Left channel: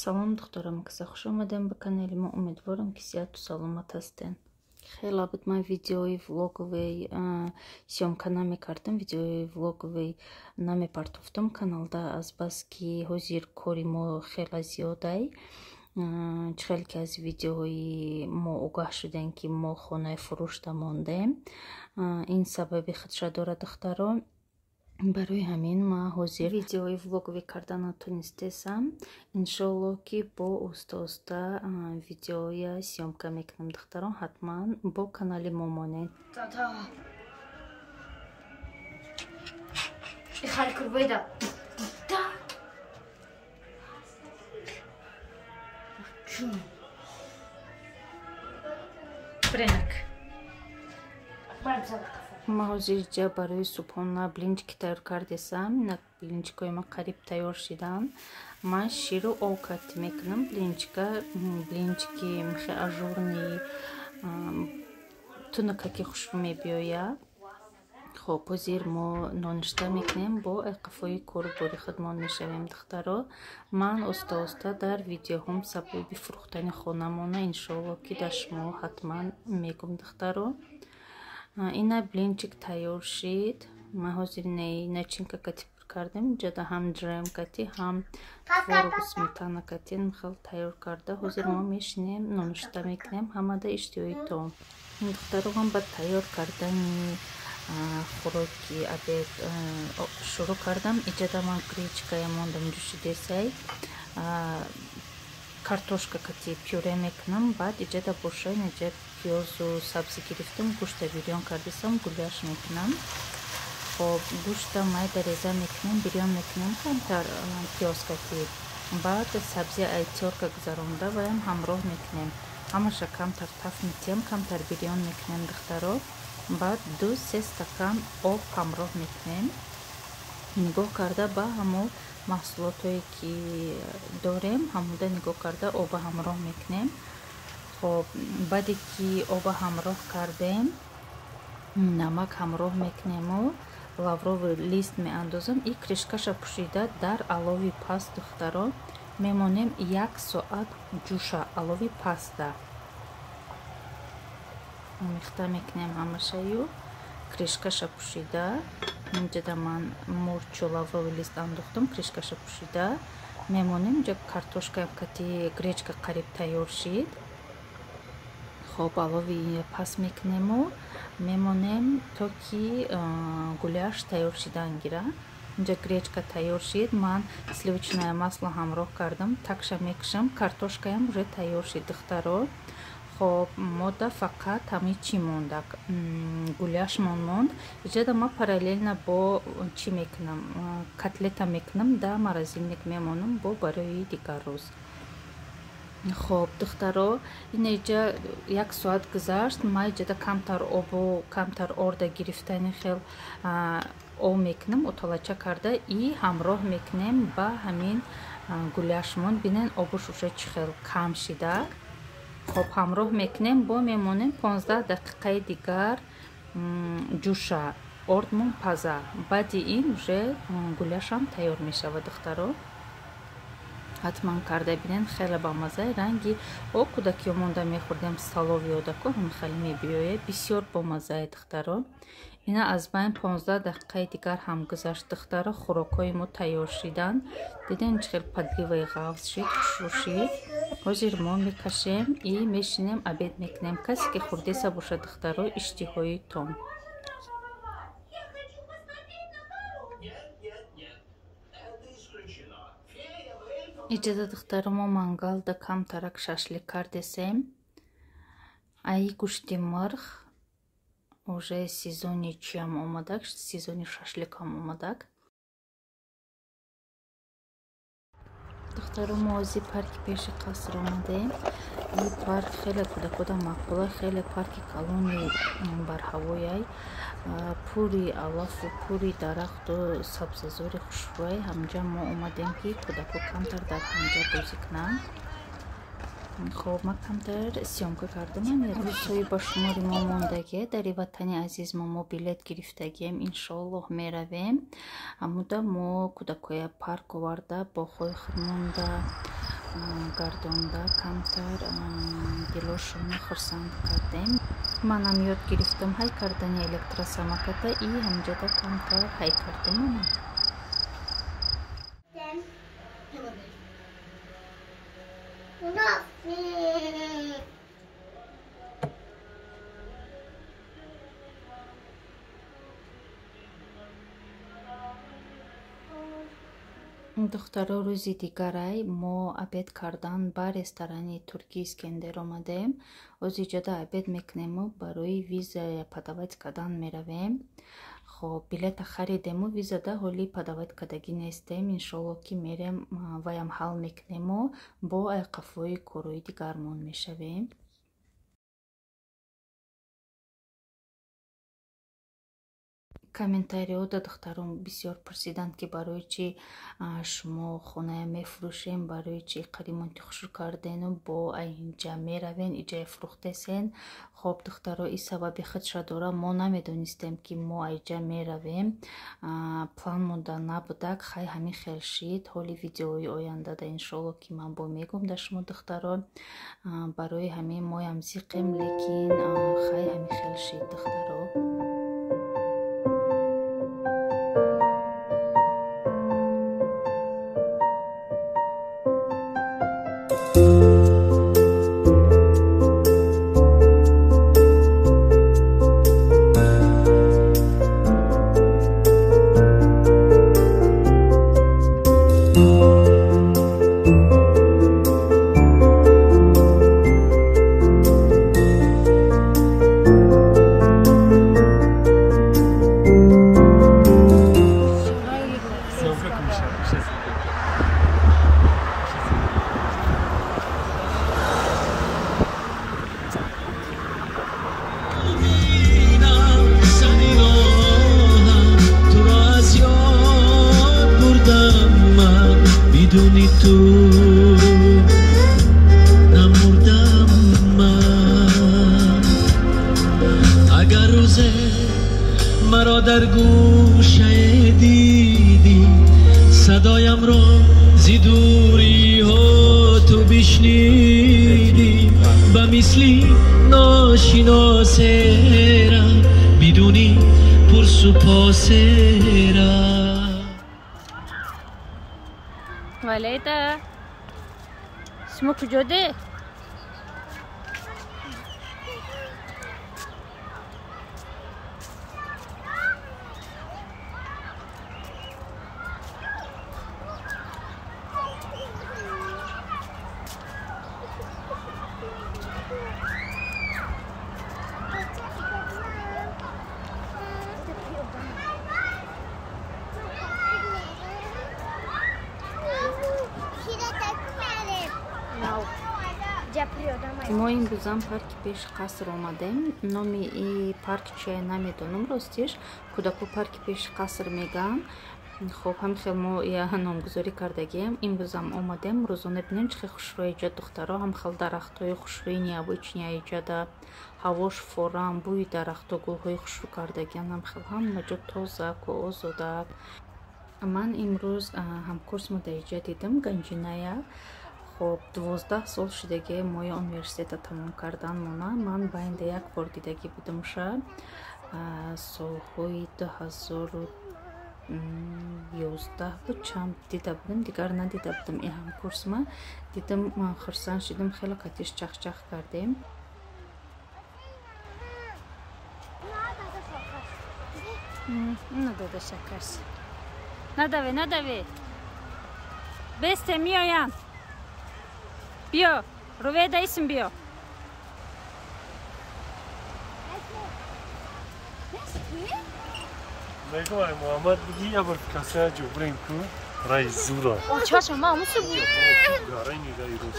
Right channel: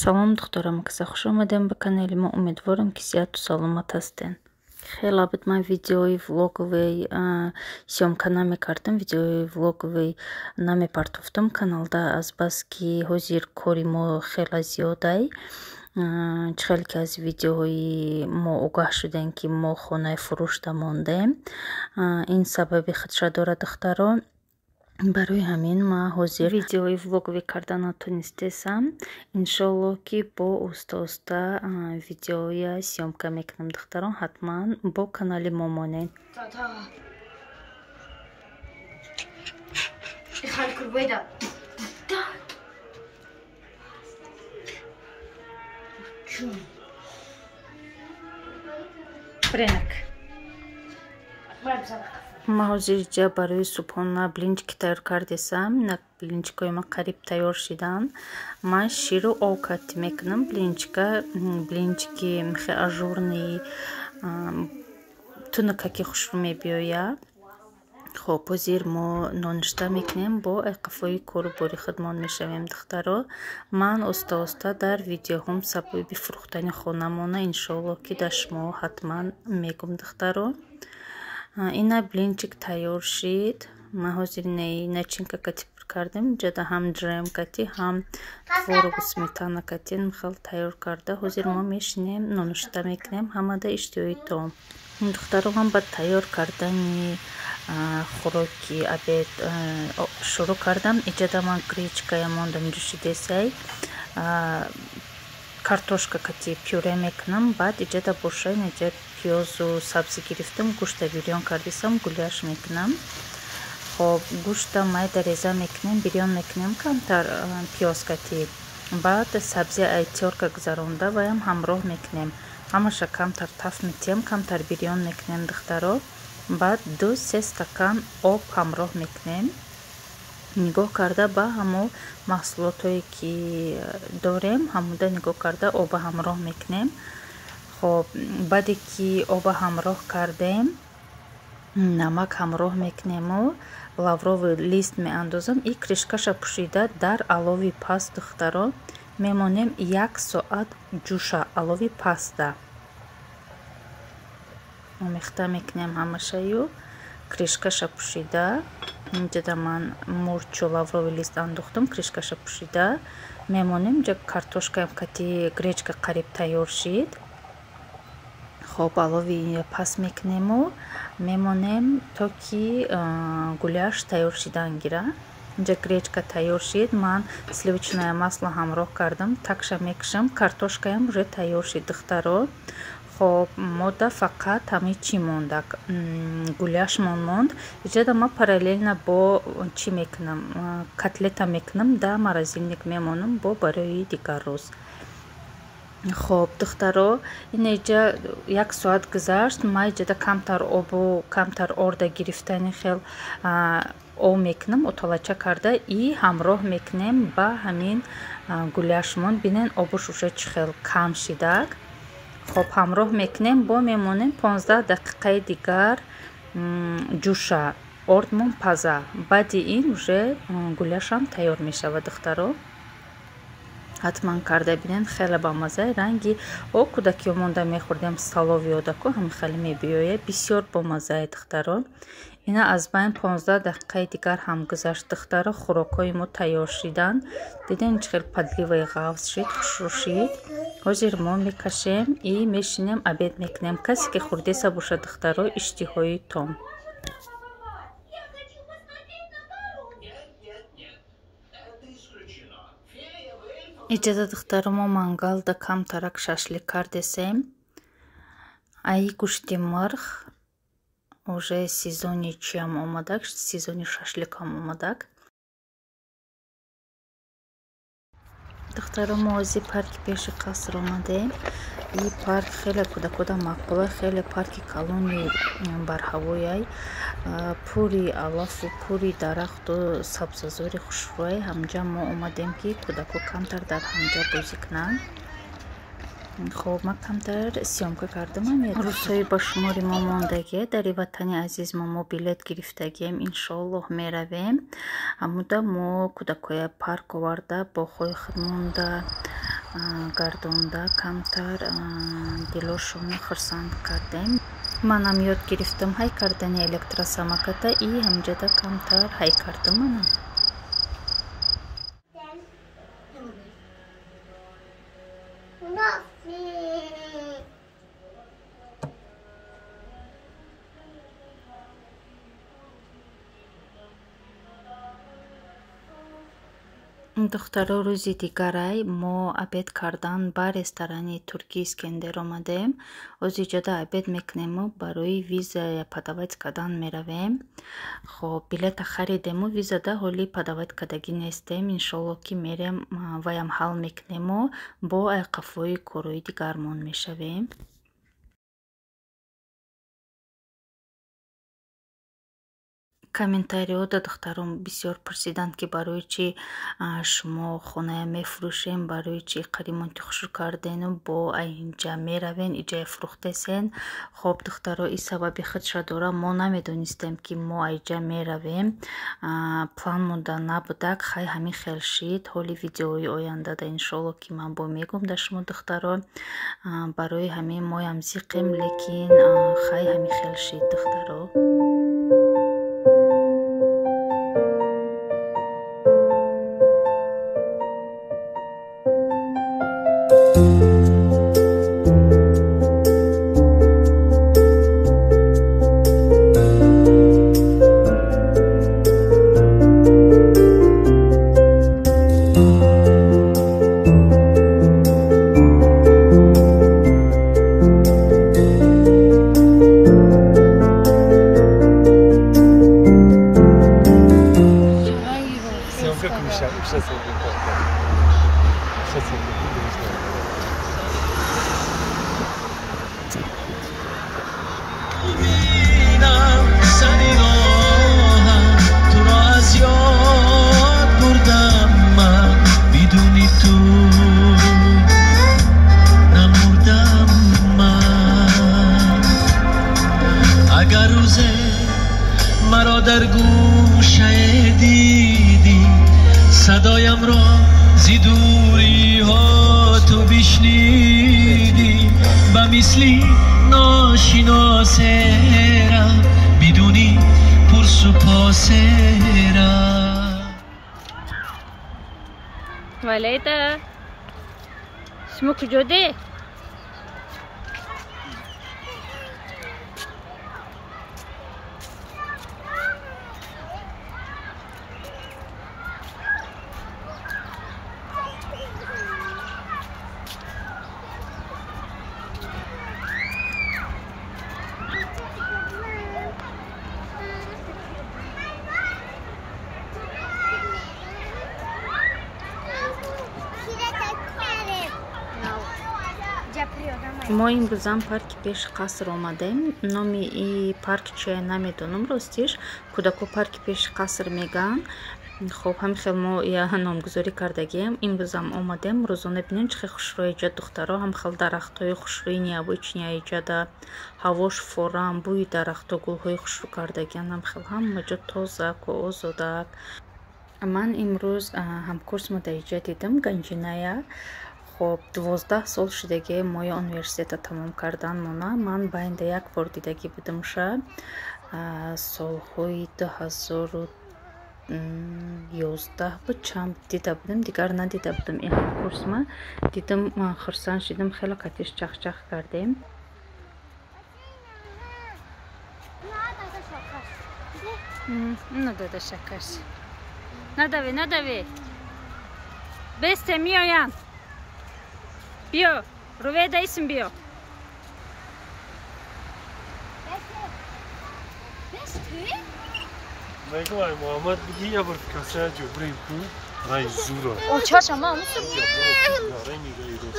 Салом духторам, хуш омадем ба канали мо. Умедворам ки сеҳату саломат ҳастен. Хеле абад ман видеои влоговый съёмка намекардам, видеои влоговый намепартофтам каналда, азбаски ҳозир кори мо хеле зиёдай. Хеле ки аз видеои мо огаҳ шудем ки мо хонаи фурӯшда мондем. Ин сабаби худша дорад духтарон. Барои ҳамин ман ҳозир видеои влоговӣ карда натонистесам. Иншоалло ки бо оста видеоя съёмка мекунам духтарон. ҳатман бо канали мо монед. Ман ҳозир ҷа барои субҳона блинчики тайёр кардесам. Блинчикои ман қариб тайёр шидан. Ман ширу об катӣ мекунам. Блинчики мехе ажурни тунука ки хушрӯ мебиёяд. хоб ҳозир мо ноништа мекунем, бо айқафои кору бори худмон мешавем духтаро. Ман оста дар видеоҳом сабаби фурӯхтани хонамона иншоалло ки дар шумо ҳатман мегум духтаро. Ина блинчик тайёр шид. Ман ҳозир начинка катӣ кардем. Ҷада ҳам ҷрем катӣ, ҳам творогу сметана катӣ михел тайёр карда. Ҳозир мо мешинем нонушта мекунем ҳамада иштиёи том. Духтаро ҳам ба тайёр кардани хӯроки обед шурӯъ кардам. Иҷада ман гречкая мондам ҷӯшидесай. Картошка катӣ пюре мекунам. Баъд иҷада боша инаҷа пиёзу сабзӣ гирифтам. Гӯшта бирён кардесам, гуляш мекунам. хоб гӯшта майда реза мекунем, бирён мекунем камтар пиёз катӣ. Баъд сабзи айтёрка гузаронда ваям ҳамроҳ мекунем. Ҳамаша камтар таф метиҳам, камтар бирён мекунем духтаро. баъд 2-3 стакан об ҳамроҳ мекунем. нигоҳ карда ба ҳамо маҳсулотое ки дорем, ҳамуда нигоҳ карда оба ҳамроҳ мекунем. хоб баъде ки оба ҳамроҳ кардем, намак ҳамроҳ мекунему, лавровый лист меандозам. И кришкаша пӯшида дар алови паст духтаро мемонем 1 соат ҷӯша алови паста. омехта мекунем ҳамашаю кришкаша пӯшида. инҷада ман мурчу лавровый лист андохтам, кришкаша пӯшида мемонем. ҷа картошкаям кати гречка қариб тайёр шид. хоб алови паст мекунему, мемонем то ки гуляш тайёр шидан гира. инҷа гречка тайёр шид. Ман сливочное масло ҳамроҳ кардам, такша мекушам. Картошкаям уже тайёр шид духтаро. хоб мода фақат ҳами чӣ монда, гуляшмон монд. иҷада ма параллелна бо чӣ мекунам, котлета мекунам, да морозилник мемонам бо барои дигар рӯз. хоб духтаро ин иҷа 1 соат гузашт. ма иҷада камтар орда гирифтани хел об мекунам, утолача карда и ҳамроҳ мекунем ба ҳамин гуляшмон. бинен обуш уже чӣ хел кам шидак. хоб ҳамроҳ мекунем, бо мемонем 15 дақиқаи дигар ҷӯша, ордмон паза. баъди ин уже гуляшам тайёр мешавад духтаро. ҳатман карда бинен, хеле бамаза. ранги кӯдакиё монда мехӯрдем салови одаку ҳами хеле мебиёяд. бисёр бомазае духтаро. ина аз байн 15 дақиқаи дигар ҳам гузашт духтаро. хӯрокҳои мо тайёр шидан. дидем чӣ хел падливаи ғафз шид, хушрӯ шид. ҳозир мо мекашем и мешинем обед мекунем. касе ки хӯрдеса бошад духтаро, иштиҳои том. иҷаза духтаро мо мангалда камтарак шашлик кардесем. ай гӯшти мирғ уже сезони чиам омадак, сезони шашликам омадак. духтаро мо ози парки пеши қаср омадем. и парк хеле кӯдакода мақбула, хеле парки калони барҳавояй, пури алафу пури дарахту сабзазори хушрӯяй. ҳамҷа мо омадем ки кӯдако камтар дар ҳамҷа бозӣ кунанд. хоб ман камтар съёмка кардамам. рӯзҳои ба шумори мо мондагие. дар ватани азиз мо билет гирифтагием. иншоаллоҳ меравем. ҳамуда мо кӯдакоя парк оварда боғҳои худмонда гардонда камтар дилошона хурсанд кардем. Манам ёд гирифтам ҳай кардани электросамоката и ҳамҷада камтар ҳай кардам манам. духтаро рӯзи дигарай мо абед кардан ба ресторани туркӣ Искендер омадем. озиҷода абед мекунему барои виза падават кардан меравем. хоб билета харидему визада ҳоли падават кардагӣ нестем. иншолло ки мерем ваям ҳал мекунему бо айқафҳои корои дигармон мешавем. комментариҳода духтарон бисёр пурсиданд ки барои чӣ шумо хоная мефурӯшем, барои чӣ қаримонти хушрӯ кардену бо инҷа меравен, иҷа фурӯхтесен. хоб духтаро и сабаби худша дора, мо намедонистем ки мо айҷа меравем, план монда набудак. хай ҳамин хел шид. ҳоли видеои ояндада иншолло ки ман бо мегӯм да шумо духтаро, барои ҳамин моям зиқем, лекин хай ҳамин хел шид духтаро. Валида, шумо куҷоде? мо имрӯзам парки пеши қаср омадем. номи и парк чия намедонам ростиш. кӯдако парки пеши қаср меган. хоб ҳамин хел мо номгузорӣ кардагием. имрӯзам омадем, рӯзона бинем чӣ хел хушрӯ иҷод духтаро. ҳам хел дарахтҳои хушрӯи необычния иҷода, ҳавош форам, бӯи дарахтҳо, гулҳои хушрӯ кардагиан, ҳам хел ҳама ҷо тозаку озодак. ман имрӯз ҳамкурсмо дар иҷа дидам ганҷиная. хоб 12 сол шудагӣ моя университета тамом кардан мона. ман байнда як бор дидагӣ будам ша солҳои 2011 буд, чанд дида будам, дигар надида будам. ин ҳамкурсма дидам, хурсанд шидам, хеле қатиш чахчах кардем. надада шакарш, надаве, надаве, бесте миёян. Биё, Руведа исм биё. Найгай Муҳаммад биги я бор касая ҷобрин ку рай зура. Он чаша ма мусу. Гарай нида ирус.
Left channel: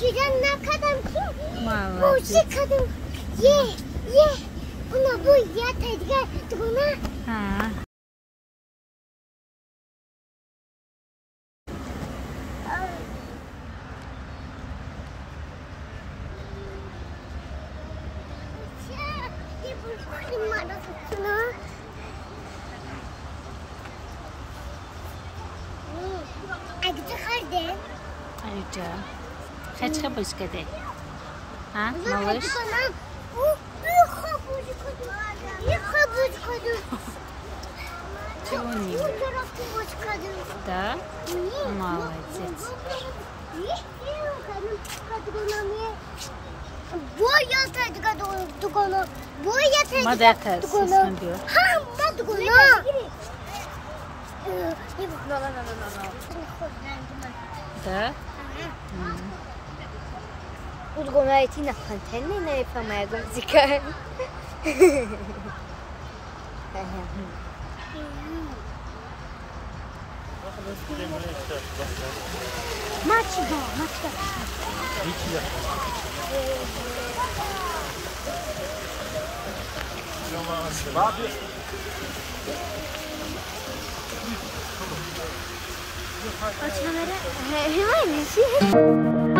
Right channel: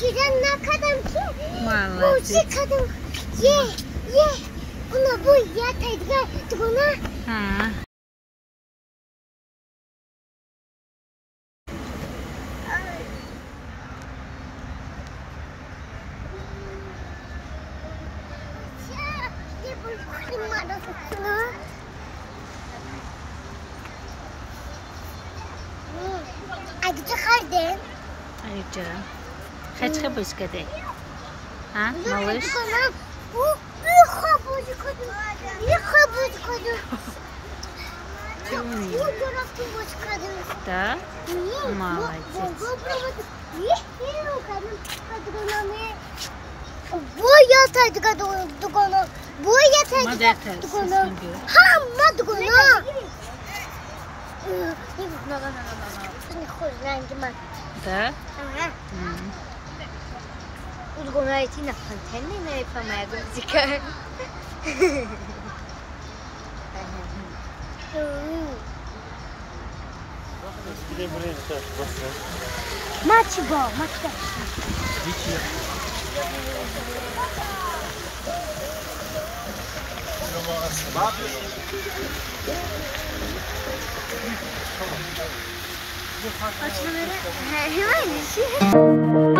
Giden ne kadar ki? Молодец. Bu kadın ye. Buna bu ya tezgah buna. Ha. Ne bu kurma da tutunu? Acı çıkardın. Аюча. Хачка бышкаде. А, малыш? Bu bir kabul. Чуни. Bu tarafta boş kadın. Да? Молодец. Bu yataydı kadın. Bu yataydı. Мадата сисмандио. Ha, madgona. Не хуже, рандима. Да? Ага. Udgona eti na pantene na epamego zikar. Значи бо, матка. Açmaları hemen işi.